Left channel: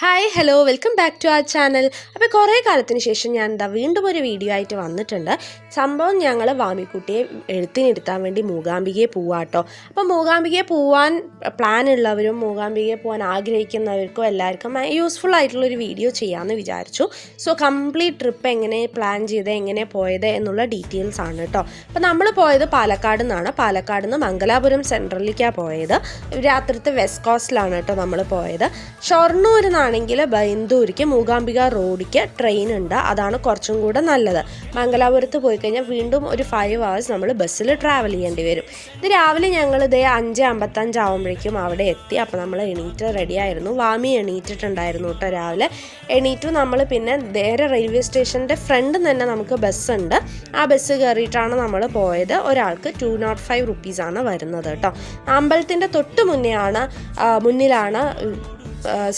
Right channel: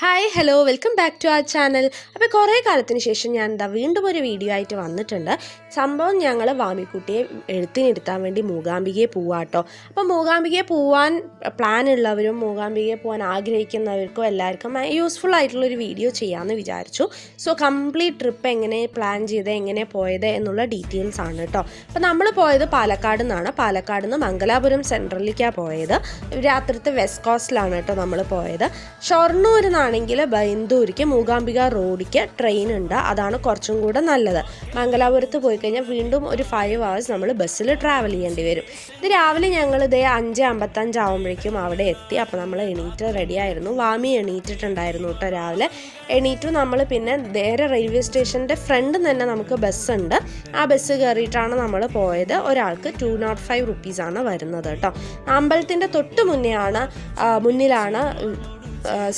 Hi hello welcome back to our channel. അപ്പോൾ കുറേ കാലത്തിന് ശേഷം ഞാൻ വീണ്ടും ഒരു വീഡിയോ ആയിട്ട് വന്നിട്ടുണ്ട്. സംഭവം ഞങ്ങൾ വാമിക്കുട്ടിയെ എഴുത്തിനിരുത്താൻ വേണ്ടി മൂകാംബികയെ പോവാട്ടോ. അപ്പോൾ മൂകാംബികയെ പോവാൻ പ്ലാൻ ഉള്ളവരും മൂകാംബികയെ പോകാൻ ആഗ്രഹിക്കുന്നവർക്കും എല്ലാവർക്കും യൂസ്ഫുൾ ആയിട്ടുള്ളൊരു വീഡിയോ ചെയ്യാമെന്ന് വിചാരിച്ചു. സോ കംപ്ലീറ്റ് ട്രിപ്പ് എങ്ങനെ പ്ലാൻ ചെയ്ത് എങ്ങനെ പോയത് എന്നുള്ള ഡീറ്റെയിൽസ് ആണ് കേട്ടോ. അപ്പോൾ നമ്മൾ പോയത് പാലക്കാട് നിന്നാണ്. പാലക്കാട് നിന്ന് മംഗലാപുരം സെൻട്രലിലേക്കാണ് പോയത്. രാത്രിത്തെ വെസ്റ്റ് കോസ്റ്റിലാണ് കേട്ടോ നമ്മൾ പോയത്. ഷൊർണൂർ ആണെങ്കിൽ ബൈന്ദൂരിക്ക് മൂകാംബിക റോഡിക്ക് ട്രെയിൻ ഉണ്ട്. അതാണ് കുറച്ചും കൂടെ നല്ലത്. മംഗലാപുരത്ത് പോയി കഴിഞ്ഞാൽ വീണ്ടും ഒരു 5 hours നമ്മൾ ബസ്സിൽ ട്രാവൽ ചെയ്യേണ്ടി വരും. ഇത് രാവിലെ ഞങ്ങൾ ഇതേ 5:55 ആകുമ്പോഴേക്കും അവിടെ എത്തി. അപ്പോൾ നമ്മൾ എണീറ്റ് റെഡിയായിരുന്നു. വാമി എണീറ്റിട്ടുണ്ടായിരുന്നു കേട്ടോ. രാവിലെ എണീറ്റു. നമ്മൾ പിന്നെ നേരെ റെയിൽവേ സ്റ്റേഷൻ്റെ ഫ്രണ്ട് തന്നെ നമുക്ക് ബസ്സുണ്ട്. ആ ബസ് കയറിയിട്ടാണ് നമ്മൾ പോയത്. ഒരാൾക്ക് 205 rupees വരുന്നത് കേട്ടോ. അമ്പലത്തിൻ്റെ തൊട്ട് മുന്നിലാണ്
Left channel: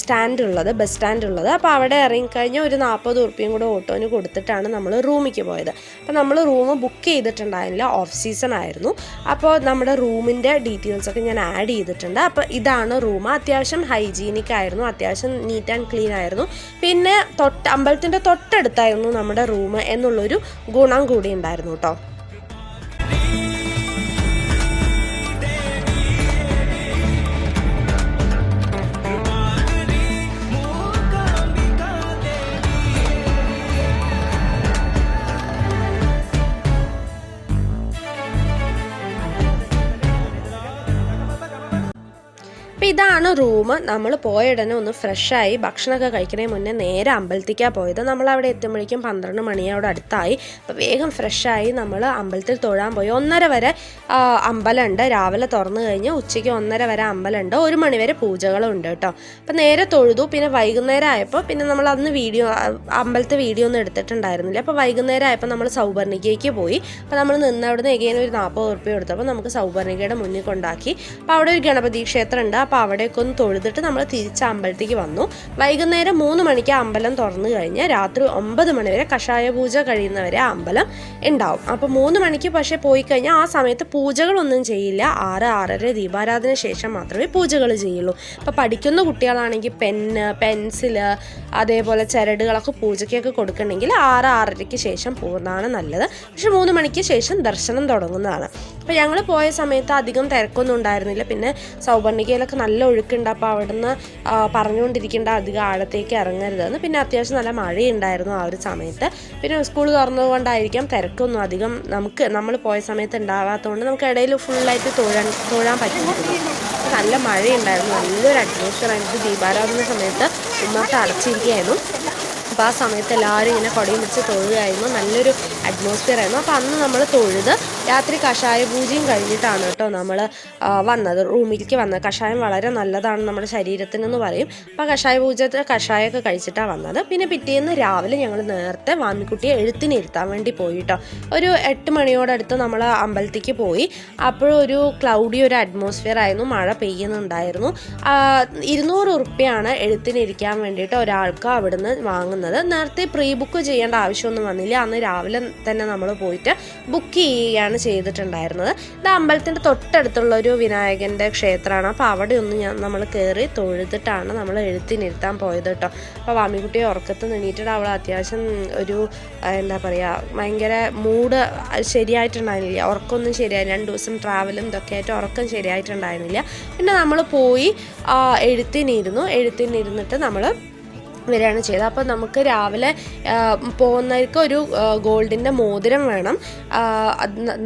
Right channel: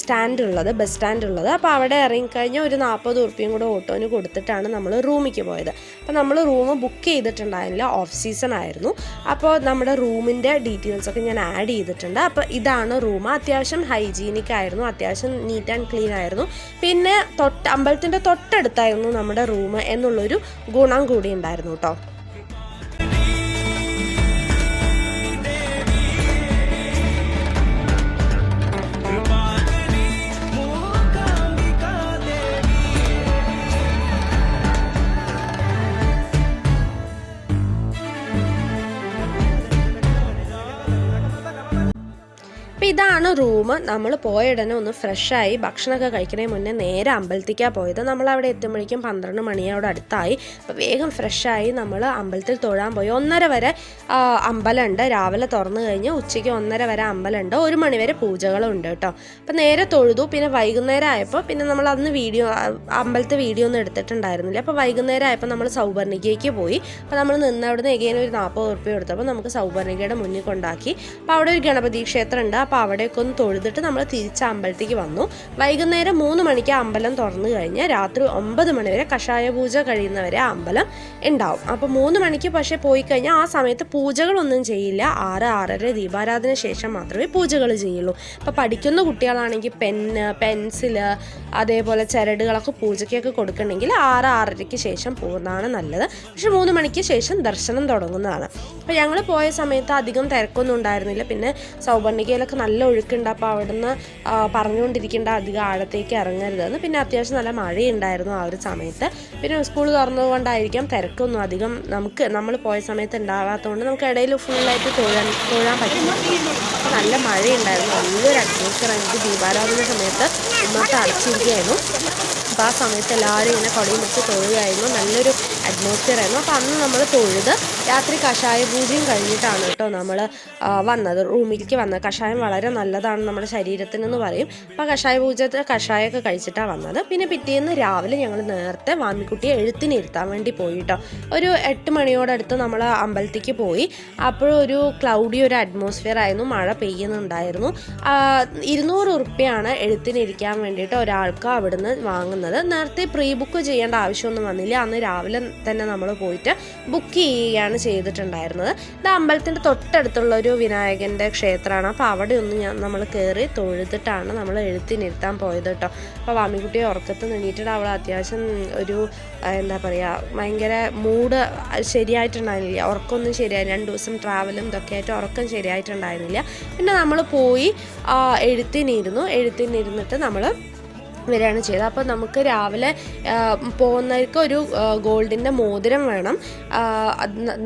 സ്റ്റാൻഡ് ഉള്ളത്, ബസ് സ്റ്റാൻഡ് ഉള്ളത്. അപ്പോൾ അവിടെ ഇറങ്ങിക്കഴിഞ്ഞാൽ ഒരു 40 ഉറുപ്പിയും കൂടെ ഓട്ടോന് കൊടുത്തിട്ടാണ് നമ്മൾ റൂമിലേക്ക് പോയത്. അപ്പോൾ നമ്മൾ റൂം ബുക്ക് ചെയ്തിട്ടുണ്ടായിരുന്നില്ല, ഓഫ് സീസൺ ആയിരുന്നു. അപ്പോൾ നമ്മുടെ റൂമിൻ്റെ ഡീറ്റെയിൽസൊക്കെ ഞാൻ ആഡ് ചെയ്തിട്ടുണ്ട്. അപ്പോൾ ഇതാണ് റൂം. അത്യാവശ്യം ഹൈജീനിക് ആയിരുന്നു, അത്യാവശ്യം നീറ്റ് ആൻഡ് ക്ലീൻ ആയിരുന്നു. പിന്നെ അമ്പലത്തിൻ്റെ തൊട്ടടുത്തായിരുന്നു നമ്മുടെ റൂം എന്നുള്ളൊരു ഗുണം കൂടി ഉണ്ടായിരുന്നു കേട്ടോ. ഇതാണ് റൂം. നമ്മൾ പോയ ഉടനെ ഒന്ന് ഫ്രഷായി ഭക്ഷണമൊക്കെ കഴിക്കുന്നതിന് മുന്നേ നേരെ അമ്പലത്തിലേക്കാണ് പോയത്. നമ്മളവിടെ എത്തുമ്പോഴേക്കും 12 മണിയോടെ അടുത്തായി. അപ്പോൾ വേഗം ഫ്രഷായി നമ്മൾ അമ്പലത്തിൽ തൊഴാൻ പോയി. 1:30 വരെ അമ്പലമുണ്ട്. രാവിലെ തുറന്നു കഴിഞ്ഞ് ഉച്ചയ്ക്ക് 1:30 വരെ അമ്പലമുണ്ട്. 1 മണി വരെ പൂജകളും ഉണ്ട് കേട്ടോ. അപ്പോൾ നേരെ തൊഴുതു. പിന്നെ വൈകുന്നേരം ആയപ്പോൾ പിന്നെ നമ്മൾ അന്ന് അമ്പലത്തെ വീഡിയോ ഒന്നും എടുത്തിട്ടുണ്ടായിരുന്നില്ല. അപ്പോൾ വൈകുന്നേരം ആയപ്പോൾ നമ്മൾ സൗപർണികയ്ക്ക് പോയി. അപ്പോൾ നമ്മൾ നിന്നവിടുന്ന് എഗെയിൻ ഒരു 40 ഉറുപ്പിക എടുത്തപ്പോൾ നമുക്ക് സൗപർണികയുടെ മുന്നിൽ കൊണ്ടാക്കി. അപ്പോൾ അവിടെ ഒരു ഗണപതി ക്ഷേത്രം ഉണ്ട്. അപ്പോൾ അവിടേക്ക് ഒന്ന് തൊഴുതിട്ട് നമ്മൾ തിരിച്ച് അമ്പലത്തേക്ക് വന്നു. വൈകുന്നേരം 3 മണിക്ക് അമ്പലം തുറന്നു കഴിഞ്ഞ് രാത്രി 9 മണി വരെ കഷായ പൂജ കഴിയുന്നവരെ അമ്പലം ഉണ്ടാവും. അപ്പോൾ 3 മണിക്ക് പക്ഷേ പോയി കഴിഞ്ഞാൽ ആ സമയത്ത് പൂജകളൊന്നും ചെയ്യില്ല. 6-6:30 ദീപാരാധന ശേഷം മാത്രമേ പൂജകൾ ചെയ്യുള്ളൂ. അപ്പോൾ പഠിക്കുന്ന കുട്ടികളാണെങ്കിൽ പെൻസില് അതേപോലെ ചരടുകളൊക്കെ പൂജയ്ക്കൊക്കെ കൊടുക്കണമെങ്കിൽ 6-6:30 ശേഷം പോകുന്നതാണ് നല്ലത്. പക്ഷെ 3 മണിക്ക് ശേഷം ദർശനം തുടങ്ങുന്നതാണ്. അപ്പോൾ ഞങ്ങൾ പോയ സമയത്ത് അധികം തിരക്കൊന്നും ഉണ്ടായിരുന്നില്ല. പിന്നെ സൗപർണികയിലൊക്കെ നല്ല ഒഴുക്കുണ്ട്. അപ്പോൾ അവിടുന്ന് പറഞ്ഞുകൊണ്ടിരിക്കേണ്ട അധികം ആഴത്തേക്ക് ഇറങ്ങരുതെന്ന്. പിന്നെ അത്യാവശ്യം നല്ല മഴയുണ്ടായിരുന്നു ആ ഒരു സമയത്ത്. പിന്നെ സ്കൂൾ തുറന്നതുകൊണ്ടായിരിക്കാം തിരക്കൊന്നും അധികം നമ്മൾ പോയ സമയത്ത് ഉണ്ടാകാത്തതുകൊണ്ട് നമുക്ക് ഇടയിൽ ഫുള്ളായിട്ട് തൊഴാൻ പറ്റും. നല്ല മഴയുണ്ടായിരുന്നു. നല്ലൊരു അറ്റ്മോസ്ഫിയർ ആയിരുന്നു. ദീപാരാധന സമയത്ത് നമുക്ക് അടച്ചിരിക്കുകയായിരുന്നു. അപ്പോൾ ആ സമയത്ത് എല്ലാവരും ഇങ്ങനെ കുടയും വെച്ച് തൊഴുകയായിരുന്നു. നല്ലൊരു അറ്റ്മോസ്ഫിയർ ആയിരുന്നു. അപ്പോൾ അന്ന് നമ്മൾ തൊഴുത് രാത്രി കഷായ പൂജയും കഴിഞ്ഞിട്ടാണ് കേട്ടോ നമ്മൾ വന്നത്, റൂമിലേക്ക് വന്നത്. കഷായം വളരെ നല്ലതാണ് നമ്മുടെ ശരീരത്തിനെന്ന് പറയും. അപ്പോൾ കഷായമൊക്കെ കഴിച്ചിട്ടാണ് വന്നത്. പിന്നെ പിറ്റേന്ന് രാവിലെ ഞങ്ങൾ നേരത്തെ വാമിക്കുട്ടിയെ എഴുത്തിനിരുത്താൻ വേണ്ടി പോയി കേട്ടോ. ഒരു 8 മണിയോടടുത്ത് നമ്മൾ അമ്പലത്തേക്ക് പോയി. അപ്പോഴൊരു ക്ലൗഡി ഒരു അറ്റ്മോസ്ഫിയർ ആയിരുന്നു. മഴ പെയ്യുന്നുണ്ടായിരുന്നു. 200 ഉറുപ്പിയാണ് എഴുത്തിനിരിക്കാൻ വേണ്ടിയിട്ട് ഒരാൾക്ക് അവിടുന്ന് വാങ്ങുന്നത്. നേരത്തെ പ്രീ ബുക്ക് ചെയ്യേണ്ട ആവശ്യമൊന്നും വന്നില്ല. അന്ന് രാവിലെ തന്നെ നമ്മൾ പോയിട്ട് ബുക്ക് ചെയ്യുകയാണ് ചെയ്തിട്ടുണ്ടായിരുന്നത്. ഇത് അമ്പലത്തിൻ്റെ തൊട്ടടുത്തുള്ളൊരു വിനായകൻ്റെ ക്ഷേത്രമാണ്. അപ്പോൾ അവിടെ ഒന്ന് നമ്മൾ കയറി തൊഴുതിട്ടാണ് നമ്മൾ എഴുത്തിനിരുത്താൻ പോയത് കേട്ടോ. അപ്പോൾ വാമിക്കുട്ടിയെ ഉറക്കത്ത് എണീറ്റിട്ട് അവൾ അത്യാവശ്യം ഒരു എന്താ പറയുക ഭയങ്കര മൂഡ് ശരിയായിട്ടുണ്ടായിരുന്നില്ല. ഉറക്കമൊന്നും ശരിയായി. 2 ദിവസം ട്രാവലും ഇതൊക്കെ ആയിട്ട് ഉറക്കം ശരിയായിട്ടുണ്ടായിരുന്നില്ല. പിന്നെ നമ്മൾ പോയി എഴുത്തിനിരുന്നിട്ട് നമ്മൾ വരികയാണ് ചെയ്തത്. അപ്പോൾ നമുക്ക് രാവിലെ പോകുന്നവർക്ക് ഒരു ഗോൾഡിൻ്റെ മോതിരം വേണം.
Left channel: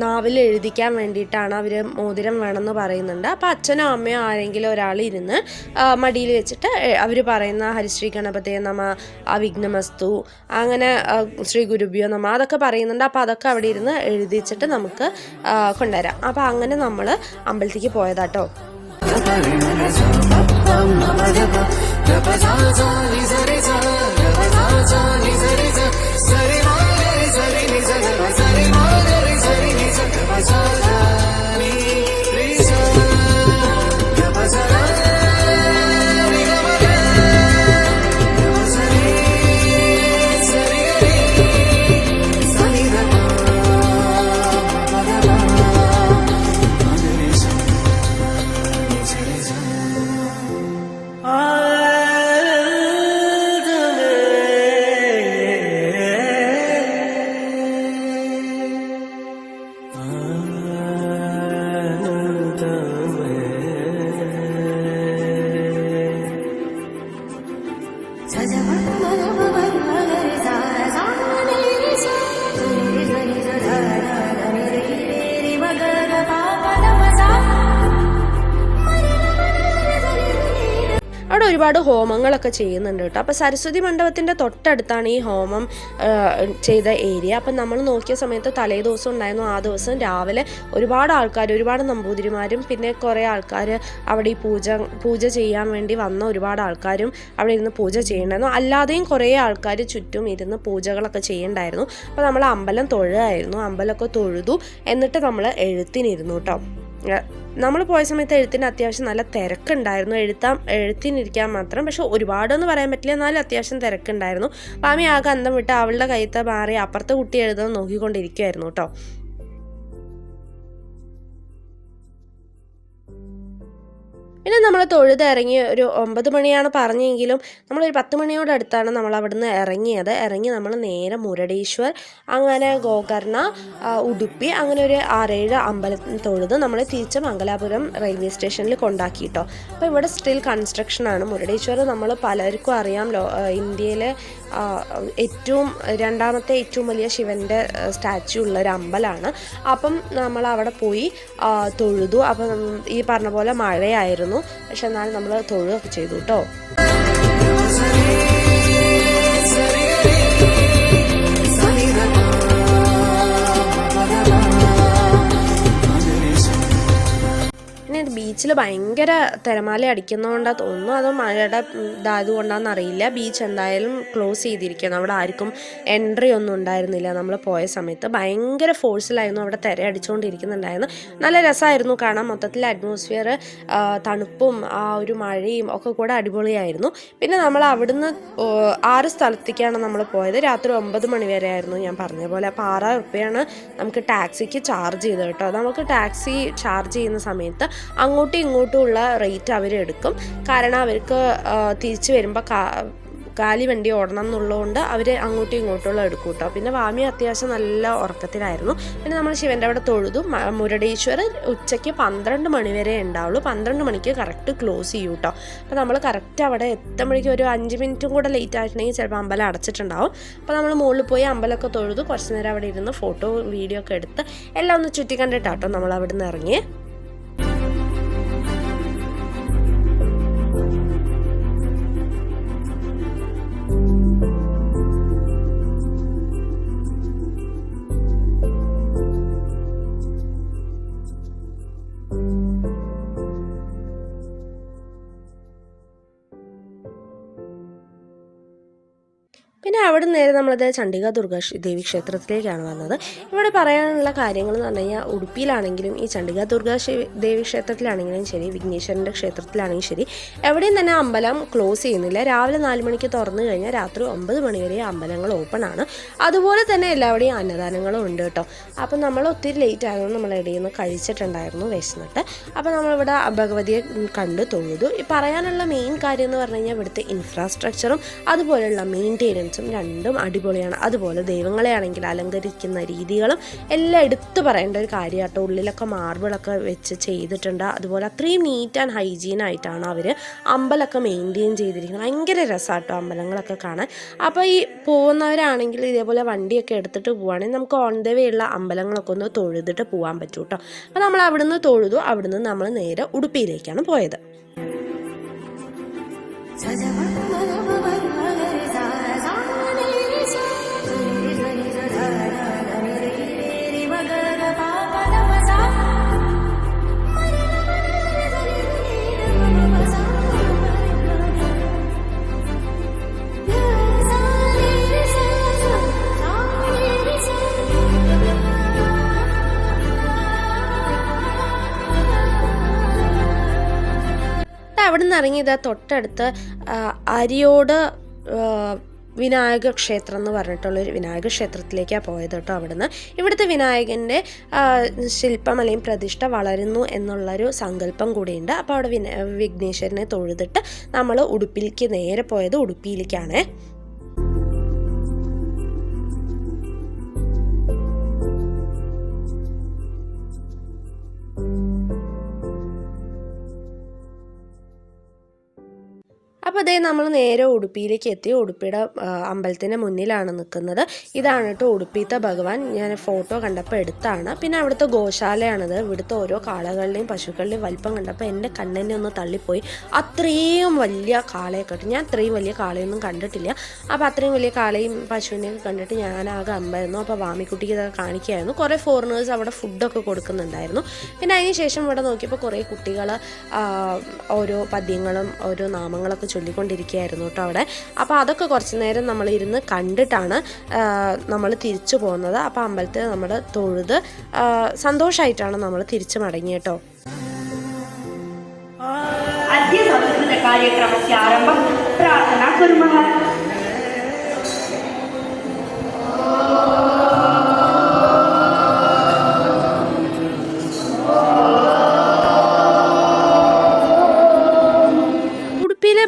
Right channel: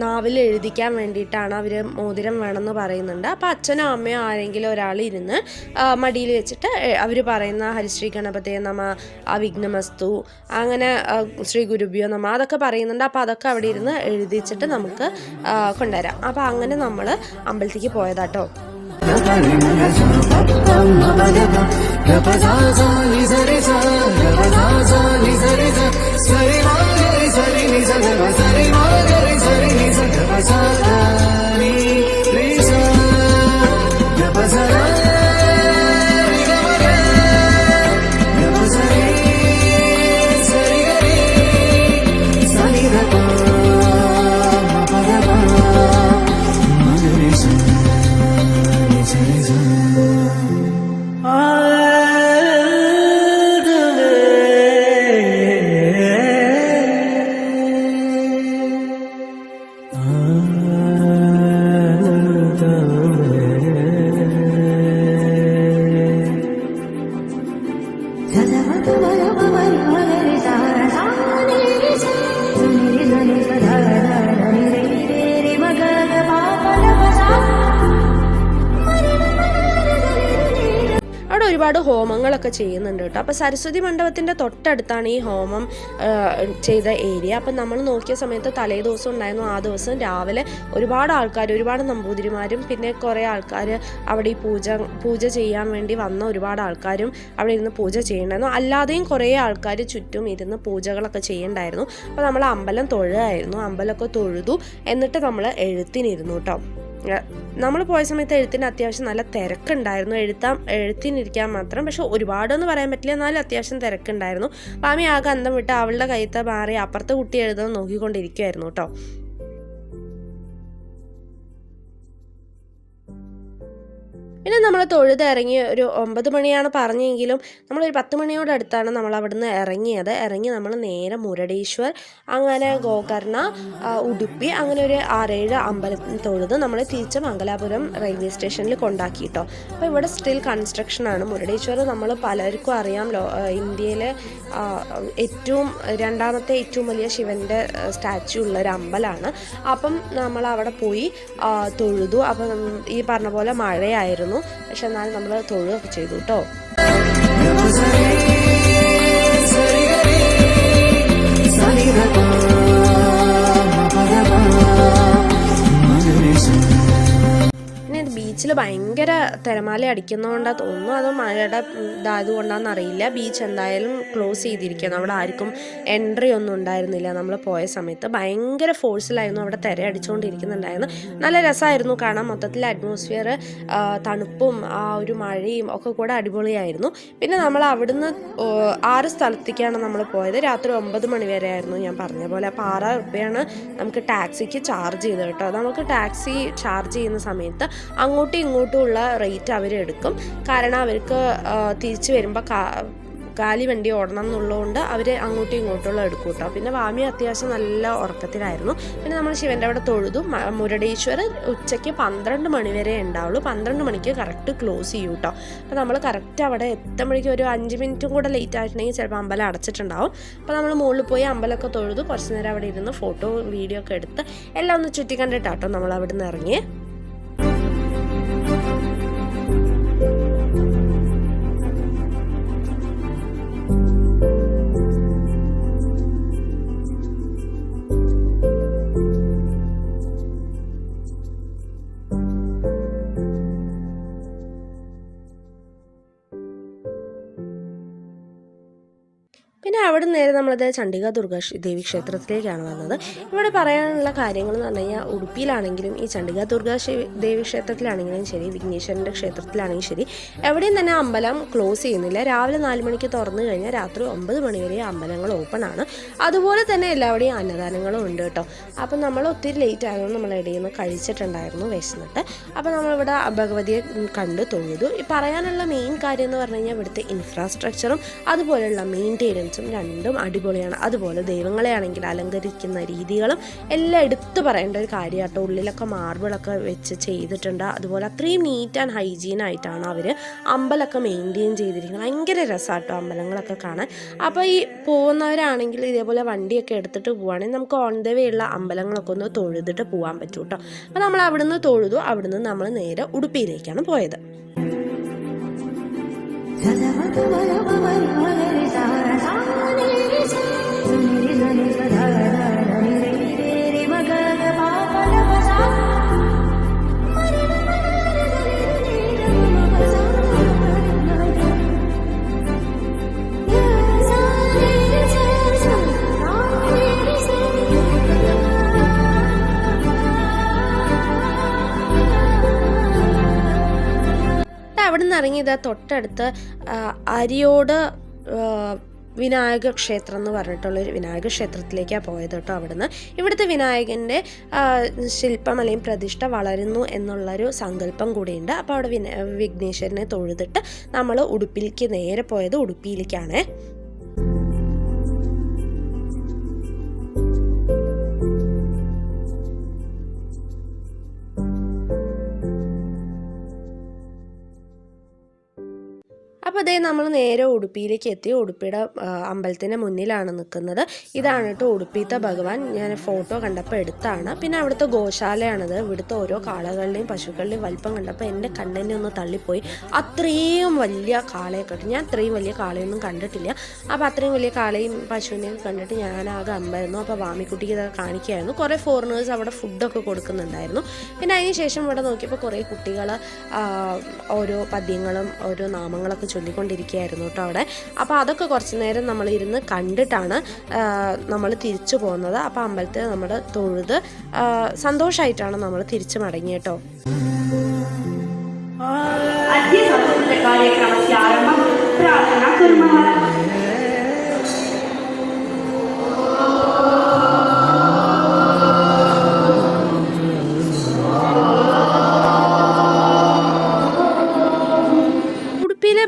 നാവിൽ എഴുതിക്കാൻ വേണ്ടിയിട്ടാണ് അവർ മോതിരം വേണമെന്ന് പറയുന്നുണ്ട്. അപ്പോൾ അച്ഛനോ അമ്മയോ ആരെങ്കിലും ഒരാൾ ഇരുന്ന് മടിയിൽ വെച്ചിട്ട് അവർ പറയുന്ന ഹരിശ്രീ ഗണപതേ നമ, വിഘ്നമസ്തു, അങ്ങനെ ശ്രീ ഗുരുഭ്യോ നമ അതൊക്കെ പറയുന്നുണ്ട്. അപ്പോൾ അതൊക്കെ അവിടെ ഇരുന്ന് എഴുതിച്ചിട്ട് നമുക്ക് കൊണ്ടുവരാം. അപ്പോൾ അങ്ങനെ നമ്മൾ അമ്പലത്തേക്ക് പോയതാട്ടോ. അവിടെ ഒരുപാട് ഹോമങ്ങളൊക്കെ ചെയ്യുന്നുണ്ട് കേട്ടോ. അപ്പോൾ സരസ്വതി മണ്ഡപത്തിൻ്റെ തൊട്ടടുത്താണ് ഈ ഹോമം ചെയ്ത ഏരിയ. അപ്പം നമ്മൾ നോക്കിയ സമയത്ത് തലേ ദിവസം ഉണ്ടായിരുന്നു. ആ ദിവസം രാവിലെ ഒരുപാട് ആൾക്കാർ, ഒരുപാട് നമ്പൂതിരിമാരും പിന്നെ കുറേ ആൾക്കാർ അവിടെ ഈ പൂജ ചെയ്യാൻ വേണ്ടി വന്ന ഒരുപാട് ആൾക്കാരും അവിടെ ഇരുന്ന് പൂജ ചെയ്യണ്ടായിരുന്നു. അല്ലാതെയും കുറേ ആൾക്കാർ ചുറ്റും ഇരുന്ന് പൂജകളൊക്കെ ചെയ്യണ്ടായിരുന്നു. അപ്പോൾ നമ്മൾ അമ്പലം തൊഴുകയായിരുന്നു. അമ്പലമൊക്കെ തൊഴുതു. എന്നിട്ട് നമ്മൾ എഴുത്തിനിരുന്നു കേട്ടോ. നമ്മൾ പോയ സമയത്ത് എഴുത്തിന് അത്യാവശ്യം നല്ല തിരക്കുണ്ടായിരുന്നു. എഴുത്തിനിരിക്കാൻ മാത്രം, പക്ഷെ ഒരുപാടൊന്നും പറയാൻ പറ്റില്ല, എന്നാലും അത്യാവശ്യം തിരക്കുണ്ടായിരുന്നു. പാമി ആകെ അന്തം വിട്ട് അവളുടെ കയ്യത്തെ മാറി അപ്പുറത്തെ കുട്ടി എഴുതാൻ നോക്കിക്കൊണ്ടിരിക്കുമായിരുന്നു കേട്ടോ. പിന്നെ നമ്മൾ തൊഴുതിറങ്ങി ഒരു 9 മണിയാണ് പറഞ്ഞെങ്കിലും നമ്മളൊരു 10 മണിയോടടുത്താണ് നമ്മൾ അവിടുന്ന് ഇറങ്ങി നമ്മൾ നേരെ മുരുടേശ്വർ, അങ്ങനെ ഗോകർണ, ഉടുപ്പി, അങ്ങനെ ഒരു 6-7 അമ്പലത്തിൽ തൊഴുത് നമ്മൾ തിരിച്ച് മംഗലാപുരം റെയിൽവേ സ്റ്റേഷനിൽ കൊണ്ടാക്കിട്ടോ. അപ്പോൾ ഇവിടെ സ്റ്റിൽ കൺസ്ട്രക്ഷനാണ്. മുരുടേശ്വർ നമ്മൾ പലർക്കും അറിയാം, ഇന്ത്യയിലെ രണ്ടാമത്തെ ഏറ്റവും വലിയ ശിവൻ്റെ സ്റ്റാച്യു ഉള്ളൊരു അമ്പലമാണ്. അപ്പം നമ്മൾ അവിടെ പോയി തൊഴുതു. അപ്പം ഈ പറഞ്ഞ പോലെ മഴയായിരുന്നു, പക്ഷെ എന്നാലും നമ്മൾ തൊഴുകയൊക്കെ ചെയ്തു കേട്ടോ. ബീച്ചിൽ ഭയങ്കര തിരമാല അടിക്കുന്നതുകൊണ്ടാണ് തോന്നുന്നു, അതോ മഴയുടെ ഇതായതുകൊണ്ടാണെന്ന് അറിയില്ല. ബീച്ച് എന്തായാലും ക്ലോസ് ചെയ്തിരിക്കുകയാണ്. അവിടെ ആർക്കും എൻട്രി ഒന്നും ഉണ്ടായിരുന്നില്ല. നമ്മൾ പോയ സമയത്ത് ഭയങ്കര ഫോഴ്സിലായിരുന്നു അവിടെ തിര അടിച്ചുകൊണ്ടിരിക്കുന്നുണ്ടായിരുന്നു. നല്ല രസമായിരുന്നു കാണാൻ. മൊത്തത്തിൽ അറ്റ്മോസ്ഫിയർ, തണുപ്പും ആ ഒരു മഴയും ഒക്കെ കൂടെ അടിപൊളിയായിരുന്നു. പിന്നെ നമ്മൾ അവിടുന്ന് 6 സ്ഥലത്തേക്കാണ് നമ്മൾ പോയത്. രാത്രി 9 മണി വരെ ആയിരുന്നു ഞാൻ പറഞ്ഞ പോലെ. അപ്പോൾ 6 രൂപയാണ് നമുക്ക് ടാക്സിക്ക് ചാർജ് ചെയ്തത് കേട്ടോ. നമുക്ക് ടാക്സി ചാർജ് ചെയ്യുന്ന സമയത്ത് അങ്ങോട്ടും ഇങ്ങോട്ടും ഉള്ള റേറ്റ് അവരെടുക്കും. കാരണം അവർക്ക് തിരിച്ച് വരുമ്പോൾ കാലി വണ്ടി ഓടണം എന്നുള്ളതുകൊണ്ട് അവർ അങ്ങോട്ടും ഇങ്ങോട്ടുള്ള എടുക്കും കേട്ടോ. പിന്നെ വാമി അത്യാവശ്യം നല്ല ഉറക്കത്തിലായിരുന്നു. പിന്നെ നമ്മൾ ശിവൻ്റെ അവിടെ തൊഴുതു. മുരുടേശ്വർ ഉച്ചയ്ക്ക് 12 മണി വരെ ഉണ്ടാവുള്ളൂ. 12 മണിക്ക് കറക്റ്റ് ക്ലോസ് ചെയ്യും കേട്ടോ. അപ്പോൾ നമ്മൾ കറക്റ്റ് അവിടെ എത്തുമ്പോഴേക്കും ഒരു 5 മിനിറ്റും കൂടെ ലേറ്റ് ആയിട്ടുണ്ടെങ്കിൽ ചിലപ്പോൾ അമ്പലം അടച്ചിട്ടുണ്ടാവും. അപ്പോൾ നമ്മൾ മുകളിൽ പോയി അമ്പലമൊക്കെ തൊഴുതു. കുറച്ച് നേരം അവിടെ ഇരുന്ന് ഫോട്ടോ വീഡിയോ ഒക്കെ എടുത്ത് എല്ലാം ഒന്ന് ചുറ്റി കണ്ടിട്ടാട്ടോ നമ്മൾ അവിടെ നിന്ന് ഇറങ്ങി. പിന്നെ അവിടെ നേരെ നമ്മളത് ചണ്ഡിക ദുർഗ ദേവി ക്ഷേത്രത്തിലേക്കാണ് വന്നത്. ഇവിടെ പറയാനുള്ള കാര്യങ്ങൾ എന്ന് പറഞ്ഞു കഴിഞ്ഞാൽ ഉടുപ്പിയിലാണെങ്കിലും ഈ ചണ്ഡിക ദുർഗ ദേവി ക്ഷേത്രത്തിലാണെങ്കിലും ശരി, വിഘ്നേശ്വരൻ്റെ ക്ഷേത്രത്തിലാണെങ്കിലും ശരി, എവിടെയും തന്നെ അമ്പലം ക്ലോസ് ചെയ്യുന്നില്ല. രാവിലെ 4 മണിക്ക് തുറന്നു കഴിഞ്ഞാൽ രാത്രി 9 മണി വരെ അമ്പലങ്ങൾ ഓപ്പൺ ആണ്. അതുപോലെ തന്നെ എല്ലാവരുടെയും അന്നദാനങ്ങളും ഉണ്ട് കേട്ടോ. അപ്പം നമ്മൾ ഒത്തിരി ലേറ്റ് ആയിരുന്നു. നമ്മൾ ഇടയിൽ നിന്ന് കഴിച്ചിട്ടുണ്ടായിരുന്നു വിശന്നിട്ട്. അപ്പോൾ നമ്മളിവിടെ ഭഗവതിയെ കണ്ട് തൊഴുതു. പറയാനുള്ള മെയിൻ കാര്യം എന്ന് പറഞ്ഞു കഴിഞ്ഞാൽ ഇവിടുത്തെ ഇൻഫ്രാസ്ട്രക്ചറും അതുപോലെയുള്ള മെയിൻറ്റെയിനൻസും രണ്ടും അടിപൊളിയാണ്. അതുപോലെ ദൈവങ്ങളെ ആണെങ്കിൽ അലങ്കരിക്കുന്ന രീതികളും എല്ലാം എടുത്തു പറയേണ്ട ഒരു കാര്യമാട്ടോ. ഉള്ളിലൊക്കെ മാർബിളൊക്കെ വെച്ച് ചെയ്തിട്ടുണ്ട്. അതുപോലെ അത്രയും നീറ്റ് ആൻഡ് ഹൈജീനായിട്ടാണ് അവർ അമ്പലമൊക്കെ മെയിൻറ്റെയിൻ ചെയ്തിരിക്കുന്നത്. ഭയങ്കര രസമാട്ടോ അമ്പലങ്ങളൊക്കെ കാണാൻ. അപ്പോൾ ഈ പോകുന്നവരാണെങ്കിൽ ഇതേപോലെ വണ്ടിയൊക്കെ എടുത്തിട്ട് പോവുകയാണെങ്കിൽ നമുക്ക് ഓൺ ദ വേ ഉള്ള അമ്പലങ്ങളൊക്കെ ഒന്ന് തൊഴുതിട്ട് പോകാൻ പറ്റും കേട്ടോ. അപ്പോൾ നമ്മൾ അവിടുന്ന് തൊഴുതു. അവിടുന്ന് നമ്മൾ നേരെ ഉടുപ്പിയിലേക്കാണ് പോയത്. അവിടെ നിന്ന് ഇറങ്ങിയത് തൊട്ടടുത്ത് അരിയോട് വിനായക ക്ഷേത്രം എന്ന് പറഞ്ഞിട്ടുള്ളൊരു വിനായക ക്ഷേത്രത്തിലേക്കാണ് പോയത് കേട്ടോ. അവിടുന്ന് ഇവിടുത്തെ വിനായകൻ്റെ ശില്പം അല്ലെങ്കിൽ പ്രതിഷ്ഠ വളരുന്നു എന്നുള്ളൊരു സങ്കല്പം കൂടിയുണ്ട്. അപ്പോൾ അവിടെ വിഘ്നേശ്വരനെ തൊഴുതിട്ട് നമ്മൾ ഉടുപ്പിലേക്ക് നേരെ പോയത് ഉടുപ്പിയിലേക്കാണ്. അപ്പോൾ അതേ നമ്മൾ നേരെ ഉടുപ്പിയിലേക്ക് എത്തി. ഉടുപ്പിയുടെ അമ്പലത്തിൻ്റെ മുന്നിലാണ് നിൽക്കുന്നത്. ഇതാണ് കേട്ടോ ഉടുപ്പിത്തെ ഭഗവാൻ. ഞാൻ ഫോട്ടോ കണ്ടപ്പോൾ എടുത്താണ്. പിന്നെ അവിടുത്തെ ഗോശാലയാണത്. ഇവിടുത്തെ ഓരോ കാളകളുടെയും പശുക്കളുടെയും വലിപ്പം കണ്ടപ്പോൾ എൻ്റെ കണ്ണിനെ ഒന്ന് തള്ളിപ്പോയി. അത്രയും വലിയ കാളയെ കണ്ടു. ഞാൻ അത്രയും വലിയ കാളയൊന്നും കണ്ടിട്ടില്ല. അപ്പോൾ അത്രയും വലിയ കാളയും പശുവിനെയൊക്കെ കണ്ടിട്ട് ഞാനാകെ അമ്പായിരുന്നു. അപ്പോൾ വാമിക്കുട്ടിക്ക് ഇതൊക്കെ കാണിക്കുകയായിരുന്നു. കുറേ ഫോറിനേഴ്സ് അവിടെ ഫുഡൊക്കെ കൊടുക്കുന്നുണ്ടായിരുന്നു. പിന്നെ അതിന് ശേഷം ഇവിടെ നോക്കിയപ്പോൾ കുറേ കുട്ടികൾ ഓരോ പദ്യങ്ങളും ഓരോ നാമങ്ങളൊക്കെ ചൊല്ലിക്കൊണ്ടിരിക്കുകയായിരുന്നു കേട്ടോ അവിടെ. അപ്പോൾ അതൊക്കെ കുറച്ച് നേരം നമ്മളിരുന്ന് കണ്ടിട്ടാണ് നമ്മൾ തിരിച്ചു പോകുന്നത്. അപ്പോൾ അമ്പലത്തിൽ നമ്മൾ തൊഴുത് സന്തോഷമായിട്ടാണ് നമ്മൾ തിരിച്ചു മടങ്ങി കേട്ടോ. कार्यक्रमस्य आरम्भं प्रार्थना कुर्मः.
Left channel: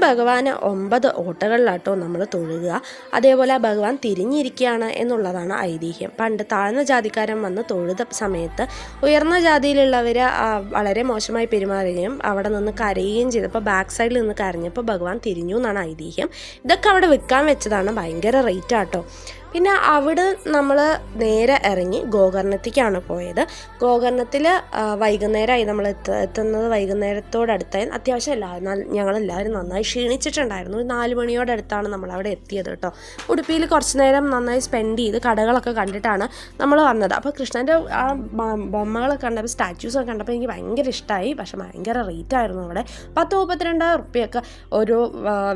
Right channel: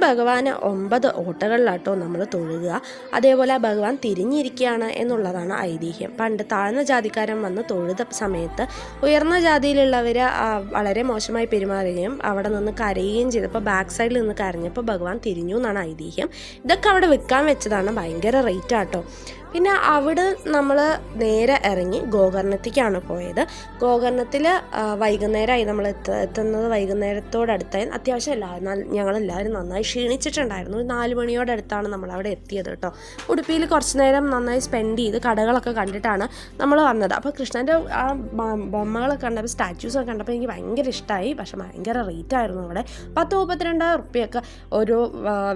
ഭഗവാന് 9 ഓട്ടകളിലാട്ടോ നമ്മൾ തൊഴുക. അതേപോലെ ഭഗവാൻ തിരിഞ്ഞിരിക്കുകയാണ് എന്നുള്ളതാണ് ഐതിഹ്യം. പണ്ട് താഴ്ന്ന ജാതിക്കാരൻ വന്ന് തൊഴുത സമയത്ത് ഉയർന്ന ജാതിയിലുള്ളവർ വളരെ മോശമായി പെരുമാറുകയും അവിടെ നിന്ന് കരയുകയും ചെയ്തപ്പോൾ ബാക്ക് സൈഡിൽ നിന്ന് കരഞ്ഞപ്പോൾ ഭഗവാൻ തിരിഞ്ഞു എന്നാണ് ഐതിഹ്യം. ഇതൊക്കെ അവിടെ വിൽക്കാൻ വെച്ചതാണ്. ഭയങ്കര റേറ്റ് ആട്ടോ. പിന്നെ അവിടെ നമ്മൾ നേരെ ഇറങ്ങി ഗോകർണത്തേക്കാണ് പോയത്. ഗോകർണത്തിൽ വൈകുന്നേരമായി നമ്മൾ എത്തുന്നത്. വൈകുന്നേരത്തോടടുത്തായി അത്യാവശ്യം ഞങ്ങളെല്ലാവരും നന്നായി ക്ഷീണിച്ചിട്ടുണ്ടായിരുന്നു. 4 മണിയോടടുത്താണ് നമ്മളവിടെ എത്തിയത് കേട്ടോ. ഉടുപ്പിയിൽ കുറച്ച് നേരം നന്നായി സ്പെൻഡ് ചെയ്ത് കടകളൊക്കെ കണ്ടിട്ടാണ് നമ്മൾ വന്നത്. അപ്പോൾ കൃഷ്ണൻ്റെ ആ ബൊമ്മകളൊക്കെ കണ്ടപ്പോൾ സ്റ്റാച്യൂസൊക്കെ കണ്ടപ്പോൾ എനിക്ക് ഭയങ്കര ഇഷ്ടമായി. പക്ഷെ ഭയങ്കര റേറ്റ് ആയിരുന്നു അവിടെ. 10-32 റുപ്യൊക്കെ ഓരോ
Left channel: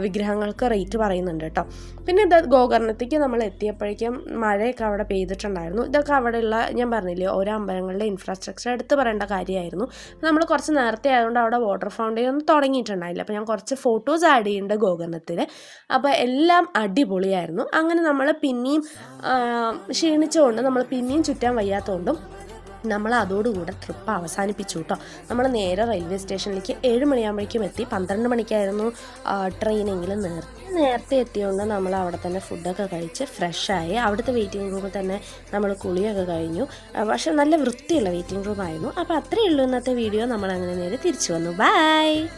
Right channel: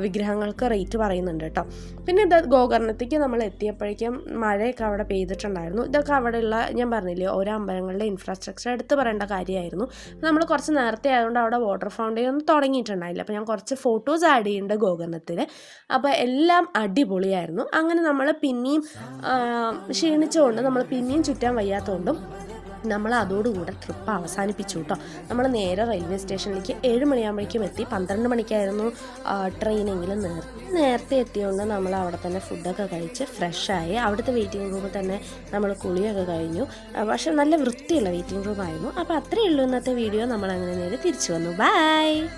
വിഗ്രഹങ്ങൾക്ക് റേറ്റ് പറയുന്നുണ്ട് കേട്ടോ. പിന്നെ ഇത് ഗോകർണത്തേക്ക് നമ്മൾ എത്തിയപ്പോഴേക്കും മഴയൊക്കെ അവിടെ പെയ്തിട്ടുണ്ടായിരുന്നു. ഇതൊക്കെ അവിടെയുള്ള ഞാൻ പറഞ്ഞില്ലേ ഓരോ അമ്പലങ്ങളുടെ ഇൻഫ്രാസ്ട്രക്ചർ എടുത്ത് പറയേണ്ട കാര്യമായിരുന്നു. നമ്മൾ കുറച്ച് നേരത്തെ ആയതുകൊണ്ട് അവിടെ വാട്ടർ ഫൗണ്ടെയിൻ ഒന്നും തുടങ്ങിയിട്ടുണ്ടായില്ല. അപ്പോൾ ഞാൻ കുറച്ച് ഫോട്ടോസ് ആഡ് ചെയ്യുന്നുണ്ട് ഗോകർണത്തിൽ. അപ്പോൾ എല്ലാം അടിപൊളിയായിരുന്നു. അങ്ങനെ നമ്മൾ പിന്നെയും ക്ഷീണിച്ചുകൊണ്ട് നമ്മൾ പിന്നെയും ചുറ്റാൻ വയ്യാത്തതുകൊണ്ടും നമ്മൾ അതോടുകൂടെ ട്രിപ്പ് അവസാനിപ്പിച്ചു കേട്ടോ. നമ്മൾ നേരെ റെയിൽവേ സ്റ്റേഷനിലേക്ക് 7 മണിയാകുമ്പോഴേക്കും എത്തി. 12 മണിക്കായിരുന്നു ട്രെയിനെങ്കിലും നേരത്തെ എത്തിയതുകൊണ്ട് നമ്മൾ അവിടെ തന്നെ ഫുഡൊക്കെ കഴിച്ച് ഫ്രഷായി. അവിടുത്തെ വെയിറ്റിംഗ് റൂമിൽ തന്നെ നമ്മൾ കുളിയൊക്കെ കഴിഞ്ഞു. പക്ഷെ നല്ല വൃത്തിയുള്ള വെയിറ്റിംഗ് റൂമായിരുന്നു. അപ്പോൾ അത്രയേ ഉള്ളൂ ഇന്നത്തെ വീഡിയോ. നമ്മൾ അങ്ങനെ നേരെ തിരിച്ചു വന്നു. ബൈ.